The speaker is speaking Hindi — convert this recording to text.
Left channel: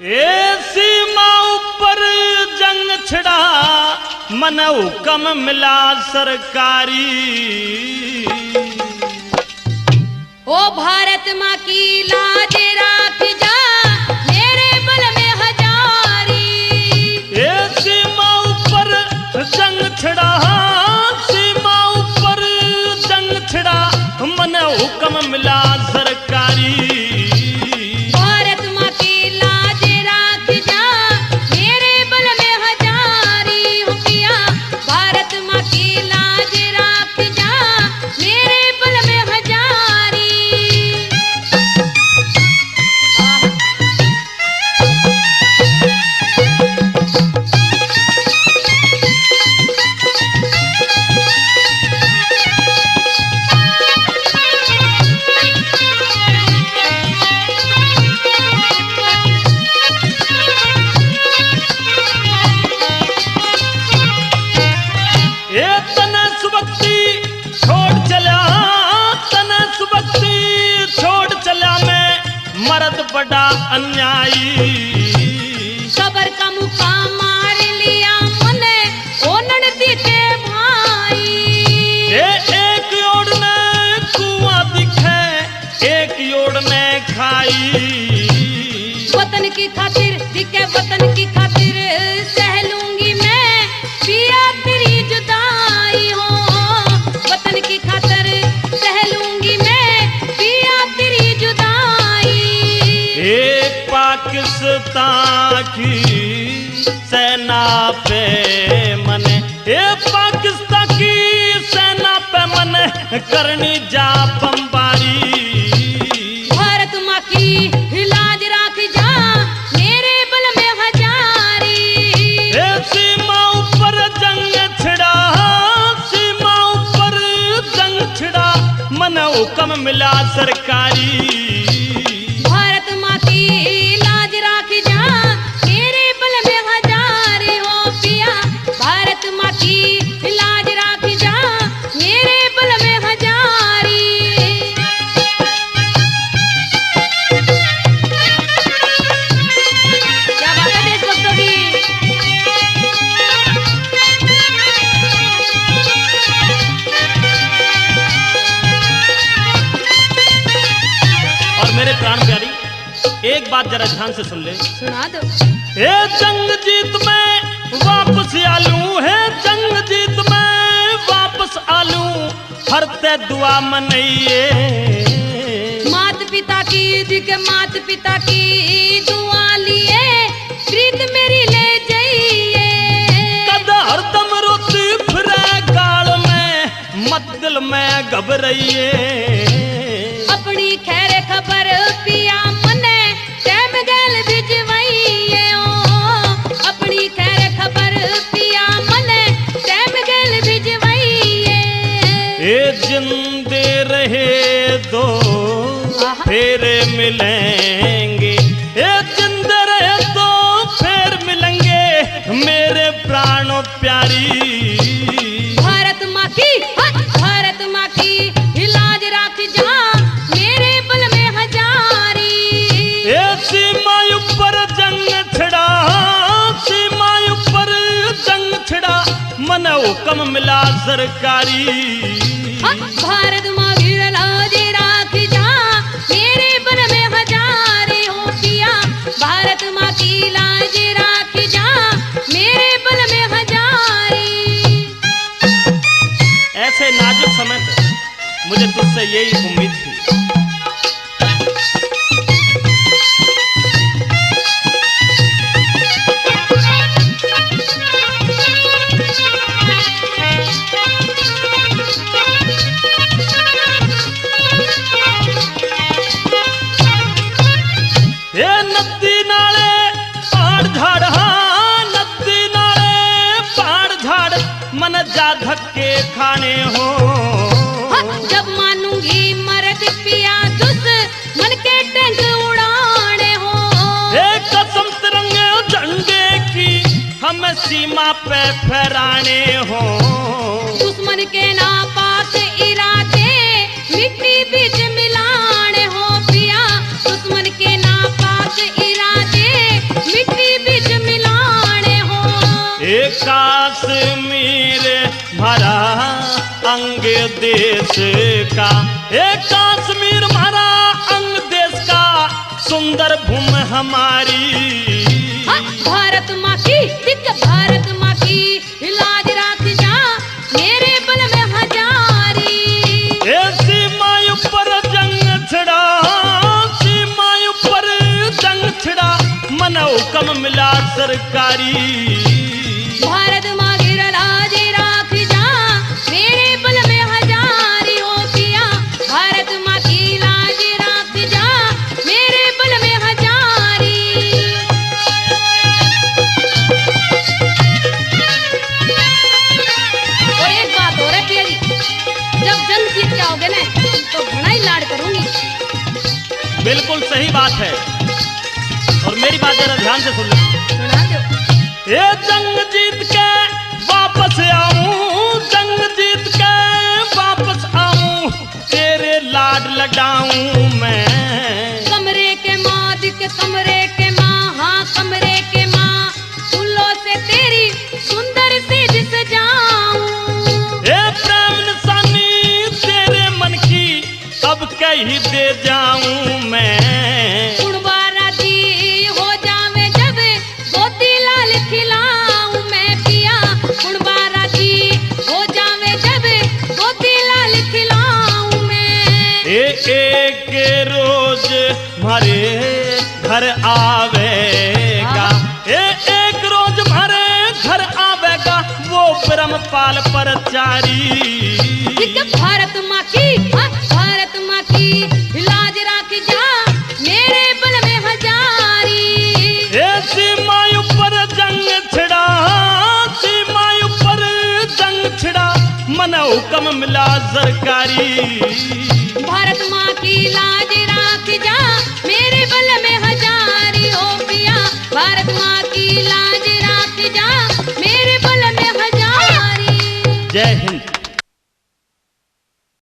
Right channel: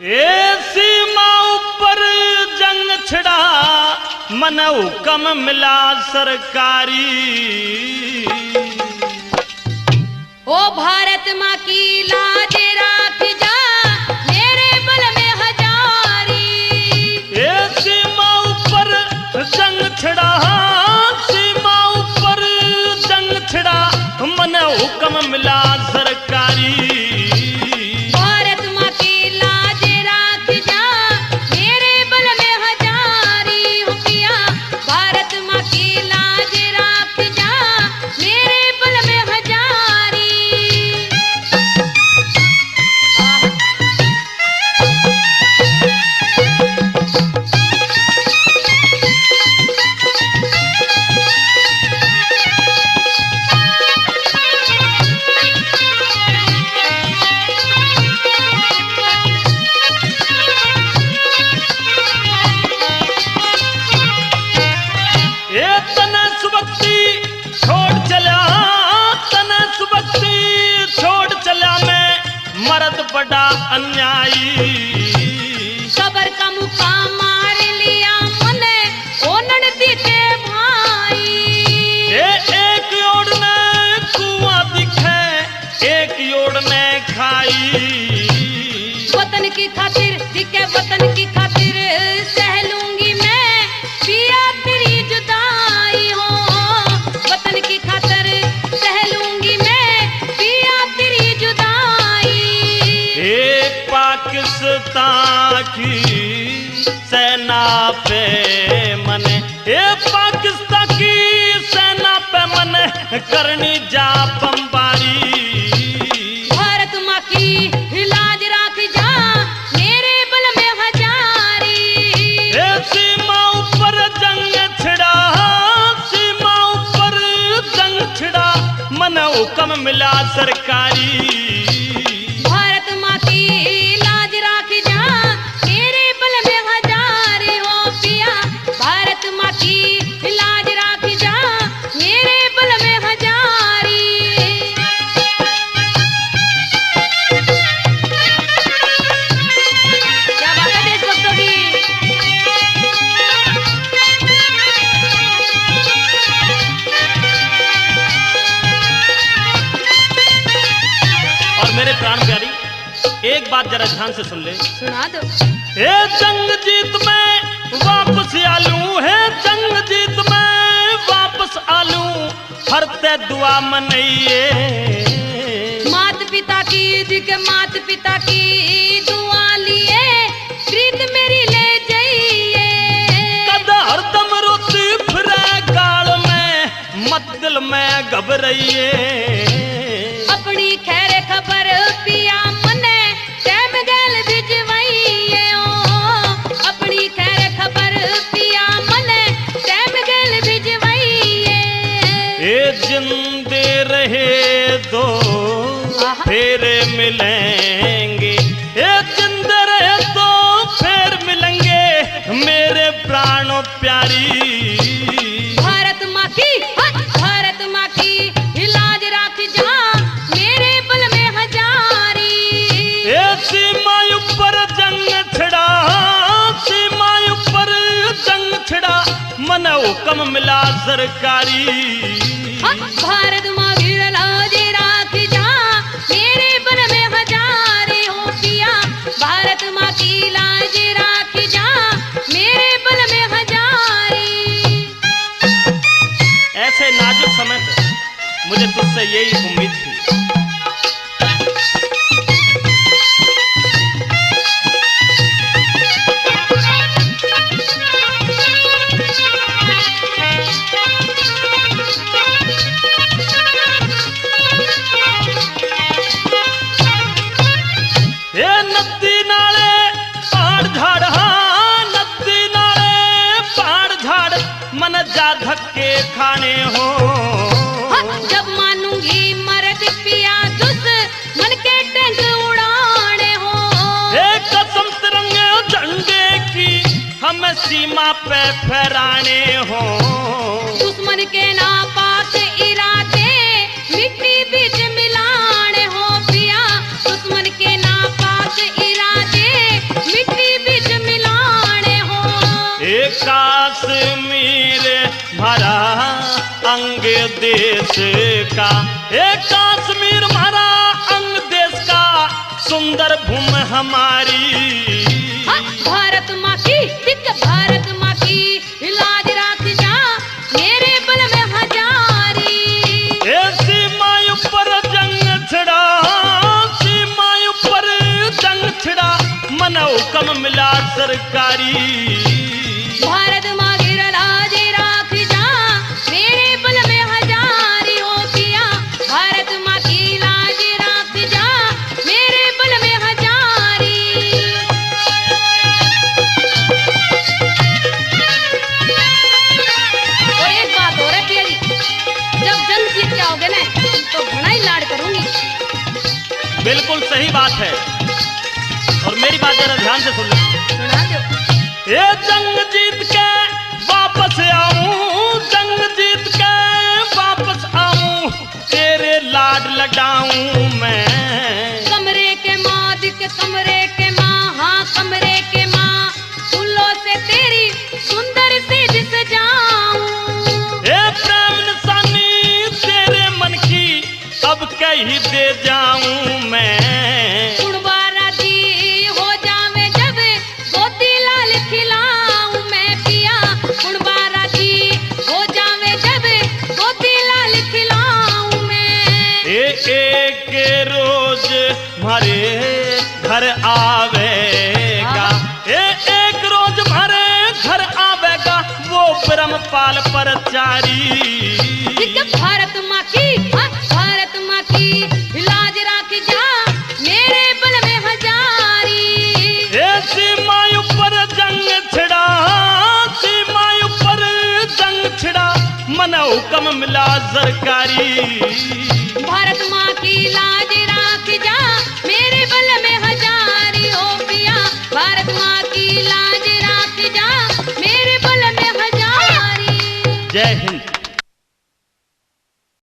ए सीमा ऊपर जंग छिड़ा मन हुक्म मिला सरकारी। ओ भारत माँ की लाज राख जा मेरे बल में हजारी। ए सीमा ऊपर जंग छिड़ा, सीमा ऊपर जंग छिड़ा मन हुक्म मिला सरकारी। भारत माँ की लाज राख जा मेरे बल में हजारी। हो पिया भारत माँ की लाज राख जा मेरे बल में हजारी। ए तना सुबक्ति छोड़ चला, तना सुबक्ति छोड़ चला मैं मर्द बड़ा अन्यायी। कबर का मुका मार लिया मने ओनन दीते भाई। एक ओर में कुआं दिखे, एक ओर में खाई। वतन की खातिर जिके वतन की खातिर सह लूंगी मैं पिया तेरी जुदाई। हो वतन की खातिर सह लूंगी मैं पिया तेरी जुदाई। ए पाकिस्तान की सेना पे मन, ए पाकिस्तान की सेना पे मन करनी जा बमबारी। भारत माँ की लाज राख जा मेरे बल में हजारी। ए सीमा ऊपर जंग छिड़ा, सीमा ऊपर जंग छिड़ा मन हुक्म मिला सरकारी। भारत माँ की लाज राख जा मेरे बल में हजारी। हो पिया भारत माँ की लाज राख जा मेरे बल में हजारी। क्या बात है देशभक्तों की। और मेरे प्राण प्यारी एक बात जरा ध्यान से सुन ले। सुना दो। ए जंग जीत में वापस आलू है, जंग जीत में वापस आलू हरते दुआ मनइए। मात पिता की दिख मात पिता की दुआ लिए प्रीत मेरी ले जाइए। कद हरदम रोती फिरे गाल में मत दिल में घबराइए। अपनी खैर खबर पिया मने कैम गैल भिजवाइए। ओ अपनी खैर खबर पिया मने कैम गैल भिजवाइए। ए जिंदे रहे दो फिर मिलेंगे, ए जिंदे रहे तो फिर मिलेंगे मेरे प्राणों प्यारी। भारत माँ की भारत माँ की लाज राख जा मेरे बल में हजारी। ए सीमा ऊपर जंग छिड़ा, सीमा ऊपर जंग छिड़ा मन हुक्म मिला सरकारी। भारत माँ की लाज राख जा मेरे बल में हजारी। हो पिया भारत माँ की लाज राख जा मेरे बल में हजारी। ऐसे नाजुक समय पर मुझे तुझसे यही उम्मीद थी। ए नदी नाले पहाड़ झाड़, हाँ नदी नाले पहाड़ झाड़ मन जा धक्के खाने हो। जब मानूंगी मरद पिया दुस मन के टैंक उड़ाने हो। एक कसम तिरंगे झंडे की हमें सीमा पे फहराने हो। दुश्मन के नापाक इरादे मिट्टी बीच मिलाने हो। पिया दुश्मन के नापाक इरादे एक कश्मीर हमारा अंग देश का सुंदर भूमि हमारी। हाँ, भारत माँ की एक भारत माँ की लाज राख जा मेरे बल में हजारी। सीमा ऊपर जंग छिड़ा, सीमा ऊपर जंग छिड़ा, मन हुक्म मिला सरकारी। भारत माँ की लाज राख जा मेरे बल में हजारी हो किया। भारत माँ की लाज राख जा मेरे बल में हजारी। और एक बात हो रही है, जब जंग जीत जाओगे ना तो घना ही लाड करूंगी। बिल्कुल सही बात है, और मेरी बात जरा ध्यान से सुन लो। सुना दो। ये जंग जीत के वापस आऊं, जंग जीत के वापस आऊं, तेरे लाड लगाऊं मैं। कमरे के माँ दिख कमरे के माँ, हाँ कमरे के माँ, फूलों से तेरी सुंदर सी दिस जाऊं। ये प्रेम निशानी तेरे मन की अब कहीं दे जाऊं मैं। कुड़बारा दी हो जावे जब गोदी लाल खिलाऊं मैं पिया। कुड़बारा दी हो जावे जब गोदी लाल खिलाऊं मैं। एक रोज हमारे घर आवेगा, एक रोज हमारे घर आवेगा वो ब्रह्मपाल परचारी। भारत माँ की, हाँ, भारत माँ की लाज राख जा मेरे बल में हजारी। सीमा ऊपर जंग छिड़ा, सीमा ऊपर जंग छिड़ा, मन हुक्म मिला सरकारी। भारत माँ की लाज